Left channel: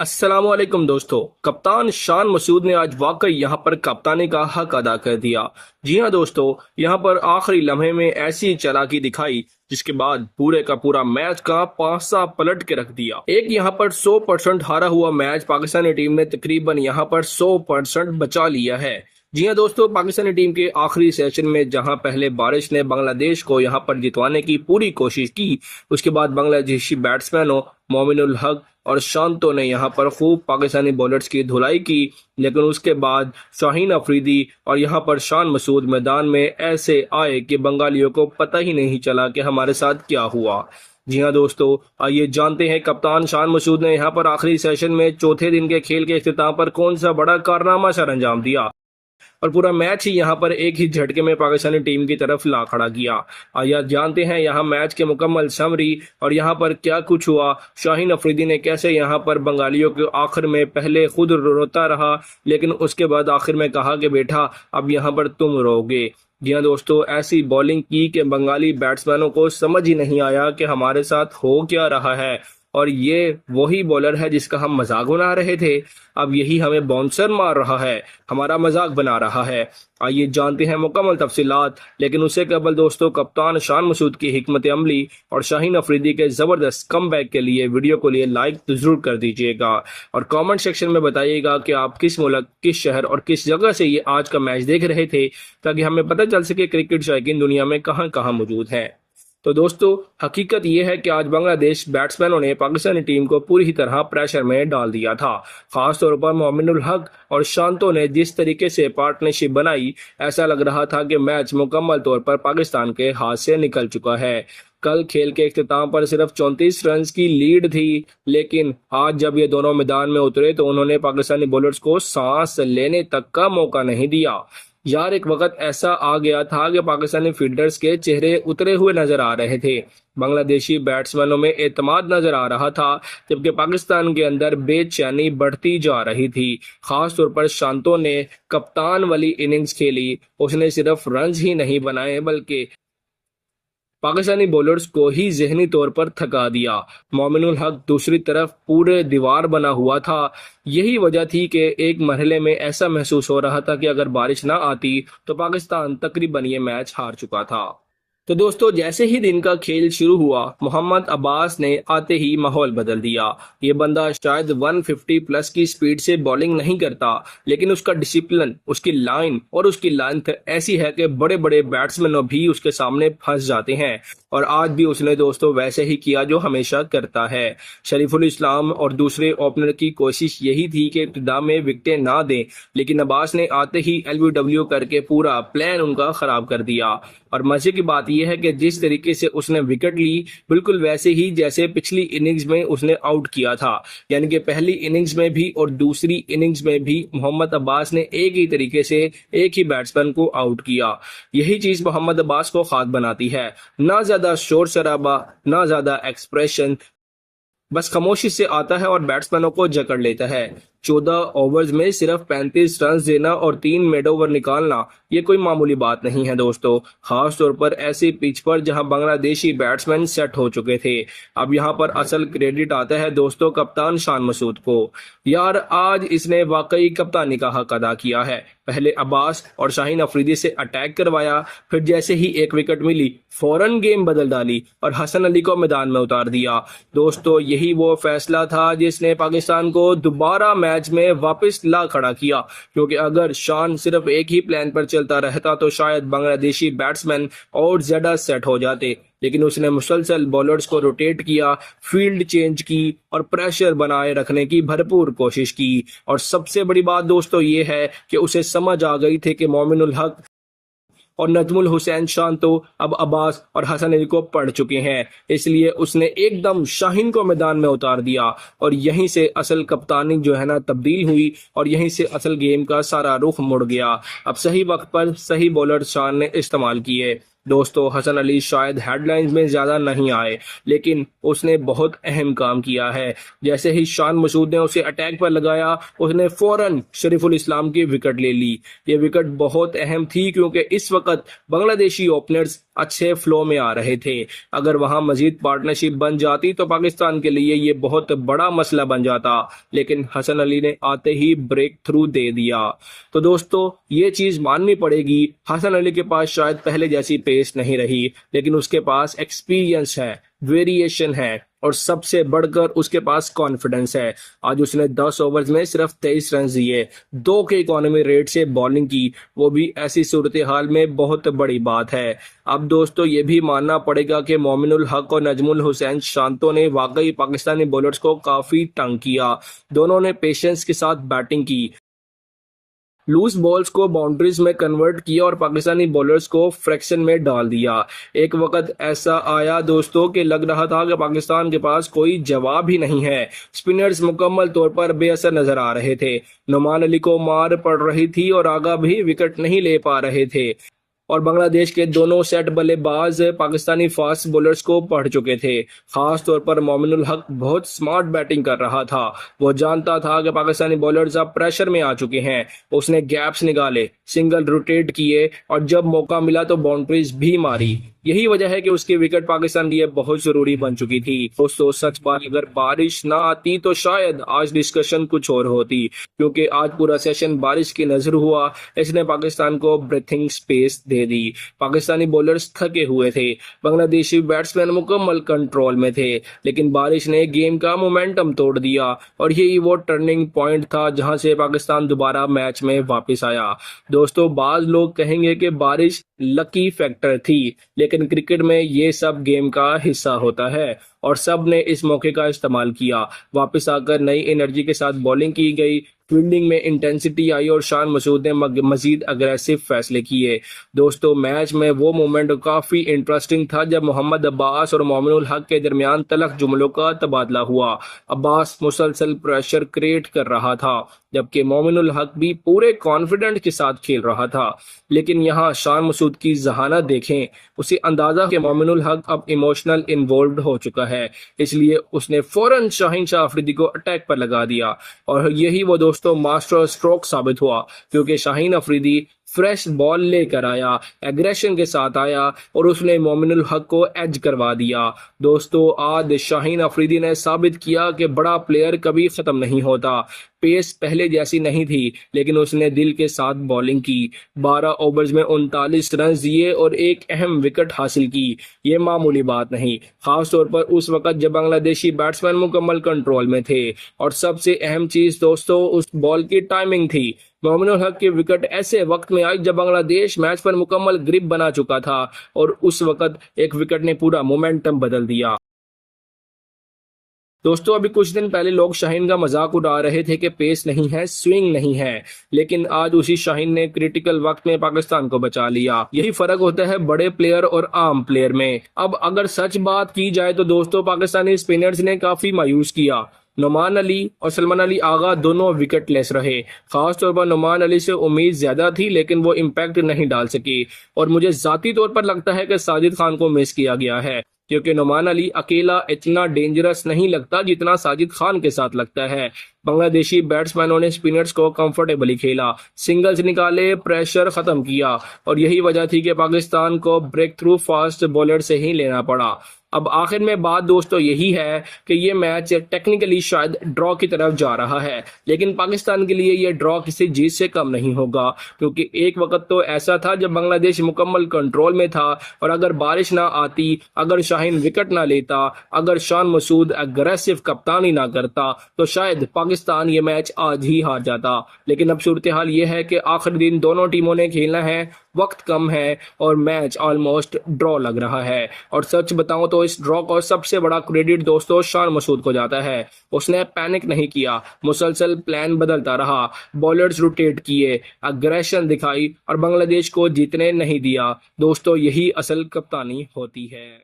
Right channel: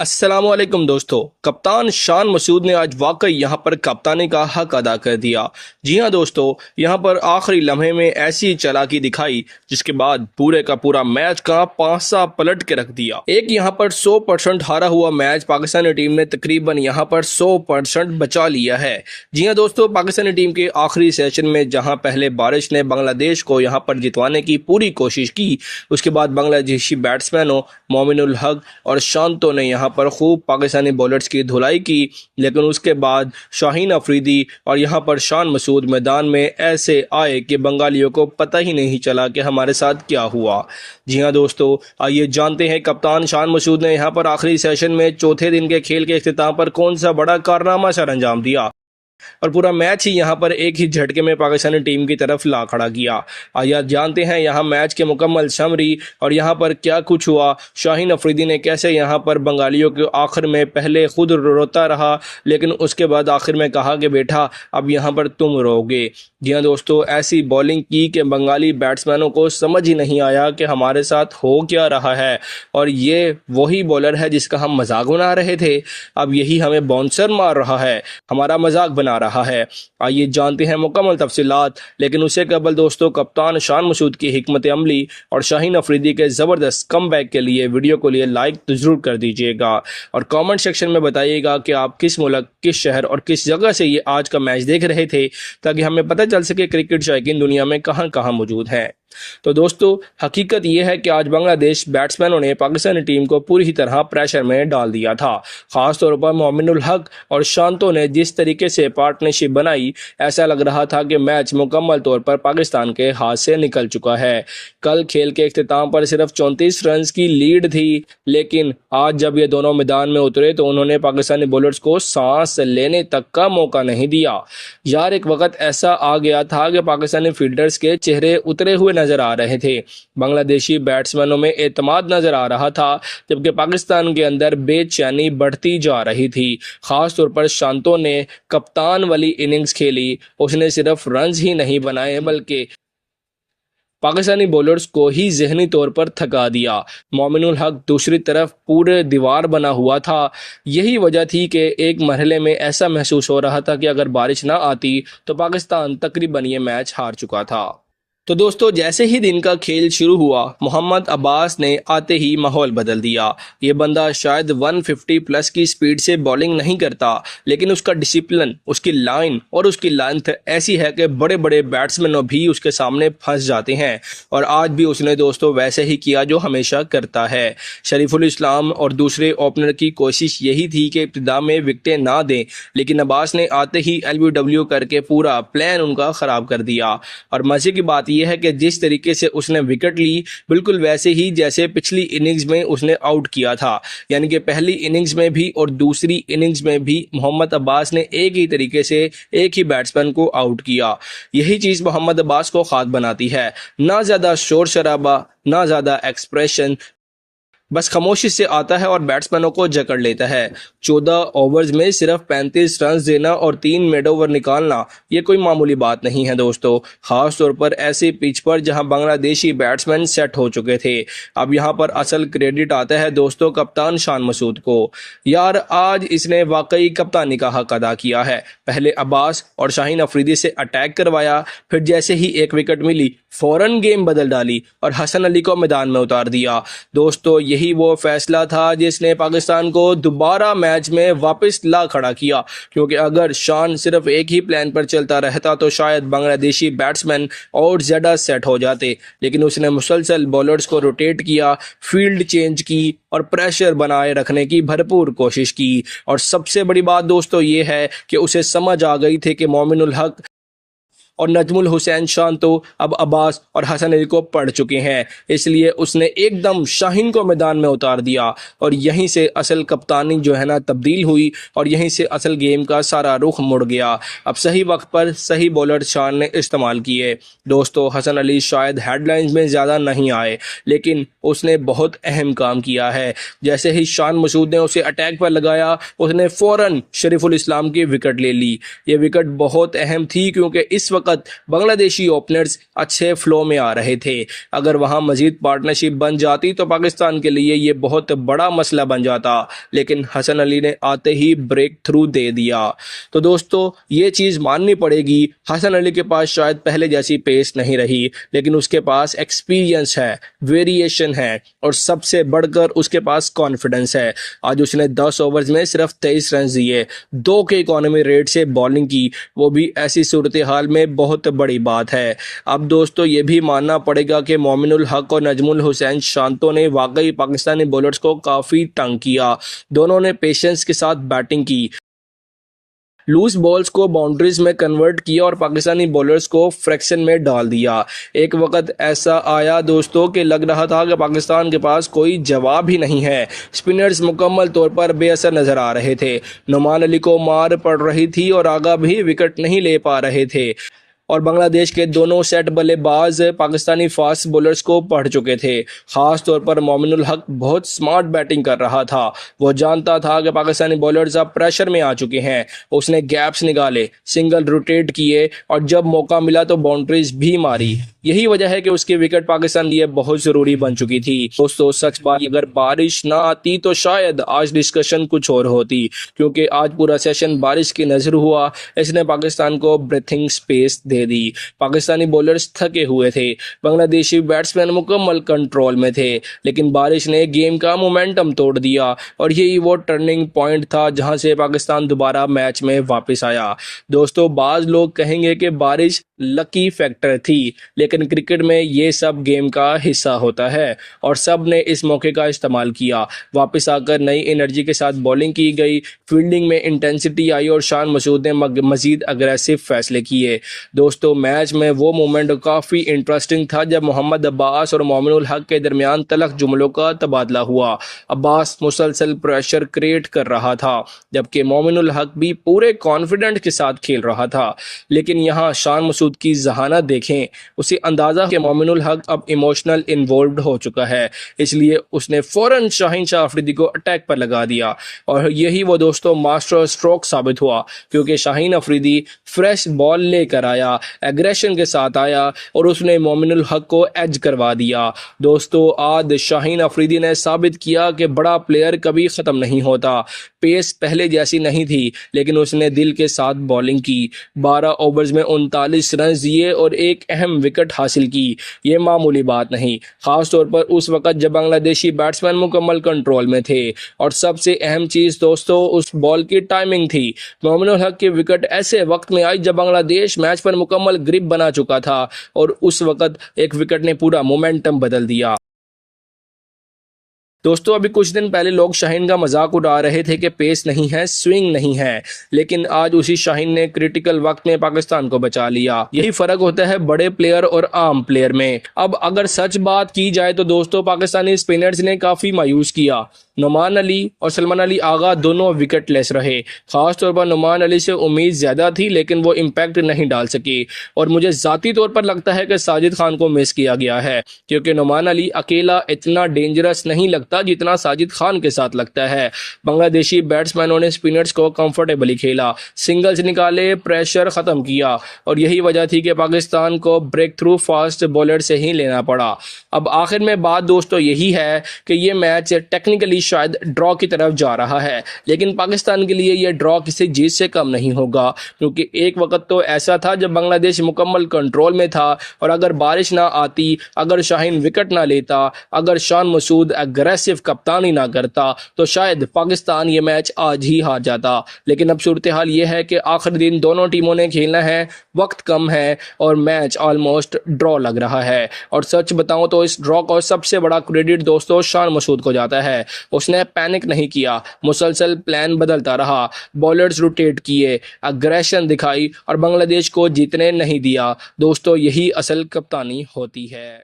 अस्सलामुअलैकुम दोस्तों। कप्तान शान मसूद ने आज वाकई यहां पर कप्तानी का हक अदा कर दिया। जी हां दोस्तों, यहां पर आखिरी लम्हे में ऐसी चालाकी दिखाई जिसके बाद पूरे का पूरा मैच का पासा पलट के रख दिया। एक यहां पर 100% हारा हुआ मैच पाकिस्तानी टीम ने तकरीबन यहां पर 100% बचा लिया है। जी हां दोस्तों, पाकिस्तानी टीम के आखिरी सेशन में जहां पहले बारिश ने बांग्लादेश को यहां पर जितवाने की पूरी कोशिश की, उसके बाद बांग्लादेशी बैट्समैनों मोमिनुल हक और शांतो ने यहां पर खूब पाकिस्तानी बॉलर्स की धुलाई की, लेकिन उसके बाद शाहीन अफरीदी और यहां पर शान मसूद मैदान में ऐसे आए कि बंगालियों को पता ही नहीं चला कि हमारे साथ क्या हुआ। जी हां दोस्तों, आइए जानते हैं कप्तान शान मसूद ने यहां पर आखिरी सेशन में चौथे दिन के खेल के इख्तिताम पर कौन सा बड़ा कारनामा सर अंजाम दिया और पूरा मैच ही यहां पर एक ही झटके में पाकिस्तानी टीम की तरफ ला खड़ा किया। आइए जानते हैं यहां मैच के मुकम्मल समरी और यहां पर क्या कुछ हुआ। शाहीन अफरीदी ने कैसे यहां पर बंगालियों के आखिर में पहले खुद रोता रहा, लेकिन उसके बाद आखिर में कहा कि बेटा अब यहां पर तुम रोगे। जी हाँ दोस्तों, ऐसी बॉलिंग की कि बंगाली बैट्समैनों को समझ ही नहीं आया कि हमारे साथ हो क्या रहा है, और ये वही बॉलर है जिसका हम मजाक बना रहे थे, अब यही हमें बाउंसर मार रहा है, हमारा मजाक बना रहा है। आइए जानते हैं मुकम्मल तफसीलात, लेकिन उससे कबल दोस्तों कप्तान शान मसूद की हिकमत अमली और शाहीन अफरीदी के ज़बरदस्त कम बैक के लिए वीडियो को लिए लाइक तो ज़रूर कर दीजिएगा और कमेंट सेक्शन में बताइएगा कि आप किस मुल्क, किस शहर और किस जगह से ये आज का मैच देख रहे थे, ताकि हमें पता चल सके क्रिकेट शौकीन दुनिया में कहां कहां मौजूद हैं। तो दोस्तों, हकीकत यह है कि आज बांग्लादेश बैट्समैनों ने पाकिस्तानी टीम को पूरी तरह प्रेशर में डाल दिया था। खास तौर पर मोमिनुल हक और शांतो ने जिस तरीके से पार्टनरशिप बनाई, ऐसा लग रहा था कि मैच मुकम्मल तौर पर पाकिस्तान के हाथ से निकल चुका है। कल खेल के इख्तिताम पर सिर्फ 34 रन की लीड थी, लेकिन आज जब ये दोनों मैदान में उतरे तो उन्होंने पाकिस्तानी बॉलर्स को सांस लेने तक का मौका नहीं दिया। यार, एक वक्त ऐसा आ गया था कि पाकिस्तानी फील्डर्स के चेहरे उतरे हुए नजर आ रहे थे, बांग्लादेशी बैट्समैनों में एतमाद नजर आ रहा था, जबकि पाकिस्तान के अंदर बेचैनी बढ़ती जा रही थी। खास तौर पर शांतो ने कप्तान वाली इनिंग्स खेली, उसने सिर्फ रन्स ही नहीं बनाए बल्कि पाकिस्तानी बॉलर्स को ही जहनी तौर पर थका दिया। मोमिनुल हक दूसरी तरफ पूरे दीवार बना हुआ था। यही वजह थी कि एक मरहले में ऐसा महसूस हो रहा था कि अगर बारिश ना आती तो पाकिस्तान तकरीबन ये मैच हार चुका था। तो दोस्तों, जैसे ही दिन का खेल शुरू हुआ, मोहम्मद अब्बास ने आते ही माहौल बदल दिया। ये बंदा शायद 150 प्लस की स्पीड से बॉलिंग नहीं करता, लेकिन उसका डिसिप्लिन, उसकी लाइन और उसकी लेंथ ऐसी है कि बड़े बड़े बैट्समैन भी उसके सामने फंस जाते हैं। और आज भी उसने दोस्तों वैसे ही किया जो हमेशा करता है। शरीफुल इस्लाम और दूसरे ओपनर की कोशिश यही थी कि इब्तिदा में विकेटें ना दें, लेकिन अब्बास ने आते ही LBW करके पूरा प्लान उनका ख़राब कर दिया। और मज़े की बात यह है कि जिस तरीके से उसने विकेट ली, बिल्कुल वैसे ही जैसे पिछली इनिंग्स में उसने आउट किया था। यानी कि पहली इनिंग्स में भी और दूसरी इनिंग्स में भी मोहम्मद अब्बास ने एक ही तरीके से एक ही बैट्समैन को आउट किया। यही चीज़ मोहम्मद अब्बास को खास बनाती है। ना ज़्यादा शोर शराबा, ना ज़्यादा एक्सप्रेशन, बस खामोशी से आता है और बैट्समैनों को जकड़ लेता है। 14 ओवर्स में सिर्फ 35 रन देना और 3 मिड ओवर निकालना, ये कोई मामूली बात नहीं है दोस्तों, खास तौर पर ऐसी पिच पर जहां बांग्लादेशी बैट्समैन सेट हो चुके थे। अब यहां पर असल क्रेडिट आता है दोस्तों कप्तान शान मसूद को। यार, आज इसने वाकई कप्तानी का हक अदा किया है। पहले अब्बास और शाहीन अफरीदी से अटैक करवाया, फिर जैसे ही एक विकेट मिली फौरन गेम बदल डाली और हसन अली को मैदान में उतार दिया। दोस्तों, यही वो फैसला था जिसने पाकिस्तान को दोबारा मैच में वापस ला खड़ा किया, क्योंकि अगर शान सिर्फ एक ही प्लान पर चलता रहता तो शायद बांग्लादेशी बैट्समैन और ज़्यादा सेट हो जाते, लेकिन उसने मुसलसल बॉलर्स को रोटेट किया, फील्ड चेंज की और प्रेशर बनाए रखने की भरपूर कोशिश की। और सबसे बड़ी बात दोस्तों ये है कि उसे समझ आ गई थी कि मोमिनुल हक और नजमुल हुसैन शांतो अब अब्बास और हसन अली को पढ़ चुके हैं, इसलिए उसने एकदम शाहीन को मैदान में उतार दिया और यहीं से असल कप्तानी जो है ना तब्दील हुई और यहीं से असल गेम का सारा रुख मुड़ गया। अब सही वक्त पर सही बॉलर शान ने इस्तेमाल किए। दोस्तों, हसन अली शायद हेडलाइंस में ज़्यादा नहीं आए, लेकिन उसने बहुत अहम काम किया है। जैसे ही शान मसूद ने उसे अटैक पर लगाया, उसने फ़ौरन शरीफुल इस्लाम की विकेट ले ली। ये विकेट बहुत अहम थी, क्योंकि इस वक्त वक्त बांग्लादेशी ओपनर्स अच्छे फ्लो में आ रहे थे। अगर वहां मजीद पार्टनरशिप बन जाती तो पाकिस्तान के लिए ये बहुत बड़ा मसला बन जाता, लेकिन हसन अली ने आते ही ब्रेक थ्रू दे दिया। तो दोस्तों ये चीज़ माननी पड़ेगी, हसन अली के पास शायद पहले जैसी पेस नहीं रही, लेकिन उसके पास एक्सपीरियंस है, वेरिएशन है और सबसे बढ़कर उसके पास कॉन्फिडेंस है। आज उसने 10 ओवर्स में सिर्फ 23 रन दिए, 2 के इकोनॉमी रेट से बॉलिंग की, वो भी ऐसी सूरत हाल में बहुत बड़ी बात है। अब दोस्तों ये भी मानना पड़ेगा कि मोमिनुल हक और नजमुल हुसैन शांतो ने वाकई पाकिस्तानी बॉलर्स को काफ़ी तंग किया। दोनों ने पेशेंस के साथ बैटिंग की, लूज बॉल्स को बाउंड्रीज में कन्वर्ट किया और पाकिस्तानी बॉलर्स को फ्रैक्शन में डाल दिया। एक वक्त ऐसा आया दोस्तों कि लग रहा था कि पाकिस्तान के पास कोई जवाब ही नहीं है। स्पिनर्स मुकम्मल तौर पर बेअसर नजर आ रहे थे, नुमान अली को मार पड़ रही थी और आगा भी विकेट नहीं ले पा रहे थे और बांग्लादेश के दोनों सेट बल्लेबाज पाकिस्तानी फास्ट बॉलर्स को पढ़ चुके थे। खास तौर पर मोमिनुल हक बहुत स्मार्ट बैटिंग कर रहा था। वो जानता था कि पाकिस्तानी बॉलर्स अब प्रेशर में आ चुके हैं। उसने गैप्स निकाले, सिंगल रोटेट किए और जब मौका मिला तो बाउंड्रीज भी मारी। यही वजह है कि उसकी विकेट पाकिस्तान लिए बहुत ज़रूरी बन चुकी थी। दोस्तों सच बात, अगर बारिश ना आती तो शायद आज डिस्कशन कुछ और होती, क्योंकि आज पूरा सेशन बारिश की नज़र हुआ। इसने पाकिस्तान को ब्रीथिंग स्पेस दे दी। पाकिस्तानी बॉलर्स थके हुए थे, बांग्लादेशी बैट्समैन मुकम्मल कंट्रोल में थे, लेकिन बारिश ने गेम का मोमेंटम तोड़ दिया और यही वो टर्निंग पॉइंट था जहां से पाकिस्तान दोबारा मैच में वापस आया। दोस्तों बाज लोग कहेंगे कि बारिश लकी फैक्टर थी, लेकिन क्रिकेट में ये सब गेम का हिस्सा होता है और सब ने इस मौके का इस्तेमाल किया। वापस आकर नई एनर्जी के साथ बॉलिंग की गई, फील्डिंग में इंटेंसिटी आई और शान मसूद ने मजीद अग्रेसिव फैसले किए। दोस्तों मैच में वो मोमेंट काफ़ी इंटरेस्टिंग था जब मोहम्मद अब्बास और मोमिनुल हक के दरमियान तलख जुमलों का तबादला हुआ। अब्बास मुसलसल प्रेशर क्रिएट कर रहा था, जबकि मोमिनुल हक भी पूरे कॉन्फिडेंट के साथ खेल रहा था। लेकिन यहाँ शान मसूद की जहानत देखें, उसे अंदाज़ा कि मोमिनुल हक अब इमोशनल इन्वॉल्व हो चुका है, इसलिए उसने फ़ौरन शाहीन शाह अफरीदी को अटैक पर लगा दिया और यही वो दोस्तों मास्टर स्ट्रोक साबित हुआ, क्योंकि शाहीन अफरीदी फ्रेश बॉल लेकर आया, एग्रेशन के साथ आया और उसने मोमिनुल हक को एज करवा दिया। दोस्तों आज शाहीन अफरीदी ने साबित किया कि बड़ा प्लेयर कभी ख़त्म नहीं होता। पेस पहले जैसी नहीं थी, लेकिन उसने दिल के साथ बॉलिंग की, 12 ओवर्स में 39 रन दिए और एक अहम विकेट हासिल की। ये मामूली बात नहीं, खास तौर पर उस वक्त जब बांग्लादेशी बैट्समैन मुकम्मल कंट्रोल में थे। और सबसे अहम चीज़ दोस्तों उस बॉल की टाइमिंग थी। मोमिनुल हक की विकेट ऐसे वक्त में आई जब बांग्लादेश मैच पर मुकम्मल ग्रिप बना चुका था और उस वक्त एक विकेट ने पूरा मोमेंटम बदल दिया। दोस्तों अभी कुछ दिन पहले लोग शाहीन का मजाक उड़ा रहे थे कि पेस नहीं है, स्विंग नहीं है, लेकिन आज उसी शाहीन ने क्रिटिकल वक्त में पाकिस्तान को बचा लिया। यही फर्क होता है बड़े प्लेयर और आम प्लेयर में। अब अगर सच बात की जाए तो दोस्तों पाकिस्तानी स्पिनर्स ने काफी मायूस किया। नुमान अली और सलमान अली आगा दोनों विकेट लेस रहे। खास तौर पर नुमान अली से उम्मीद ज्यादा थी, लेकिन वो इम्पैक्ट नहीं डाल सकी और मुझे जाती तौर पर लगता है कि साजिद खान को मिस किया गया है, क्योंकि नुमान अली अकेला इतना डेंजरस नहीं लगता जितना साजिद खान के साथ लगता है। बांग्लादेशी बैट्समैनों ने स्पिनर्स को कंफर्टेबली खेला, सिंगल्स निकाले, प्रेशर खत्म किया और यही वजह थी कि पाकिस्तान को ब्रेक थ्रू फास्ट बॉलर से ही लेना पड़ा। अब आखिर में बात दोस्तों यही है कि ये मैच टेक्निकली शायद ड्रॉ की तरफ जा रहा है, लेकिन पाकिस्तान के लिए यह ड्रॉ किसी जीत से कम नहीं होगा, क्योंकि एक वक्त तो ऐसा था जब बांग्लादेश मुकम्मल कंट्रोल में था और अगर बारिश ना आती, अगर शाहीन विकेट ना लेता, अगर शान मसूद अग्रेसिव कप्तानी ना करता तो शायद पाकिस्तान ये मैच आज ही हार जाता। लेकिन अब सूरत हाल ये है कि आखिरी दिन दोनों टीमों ने खेलना है, वक्त कम है और मैच ऑलमोस्ट ड्रॉ लग रहा है। और सच बताऊं तो इस ड्रॉ का सबसे बड़ा क्रेडिट दोस्तों शान मसूद को जाता है। उसने पैनिक नहीं किया, मुसलसल प्लान बदलता रहा, बॉलर्स रोटेट किए, अग्रेशन दिखाई और बांग्लादेश को जीतने नहीं दिया। दोस्तों यही असल कप्तानी होती है।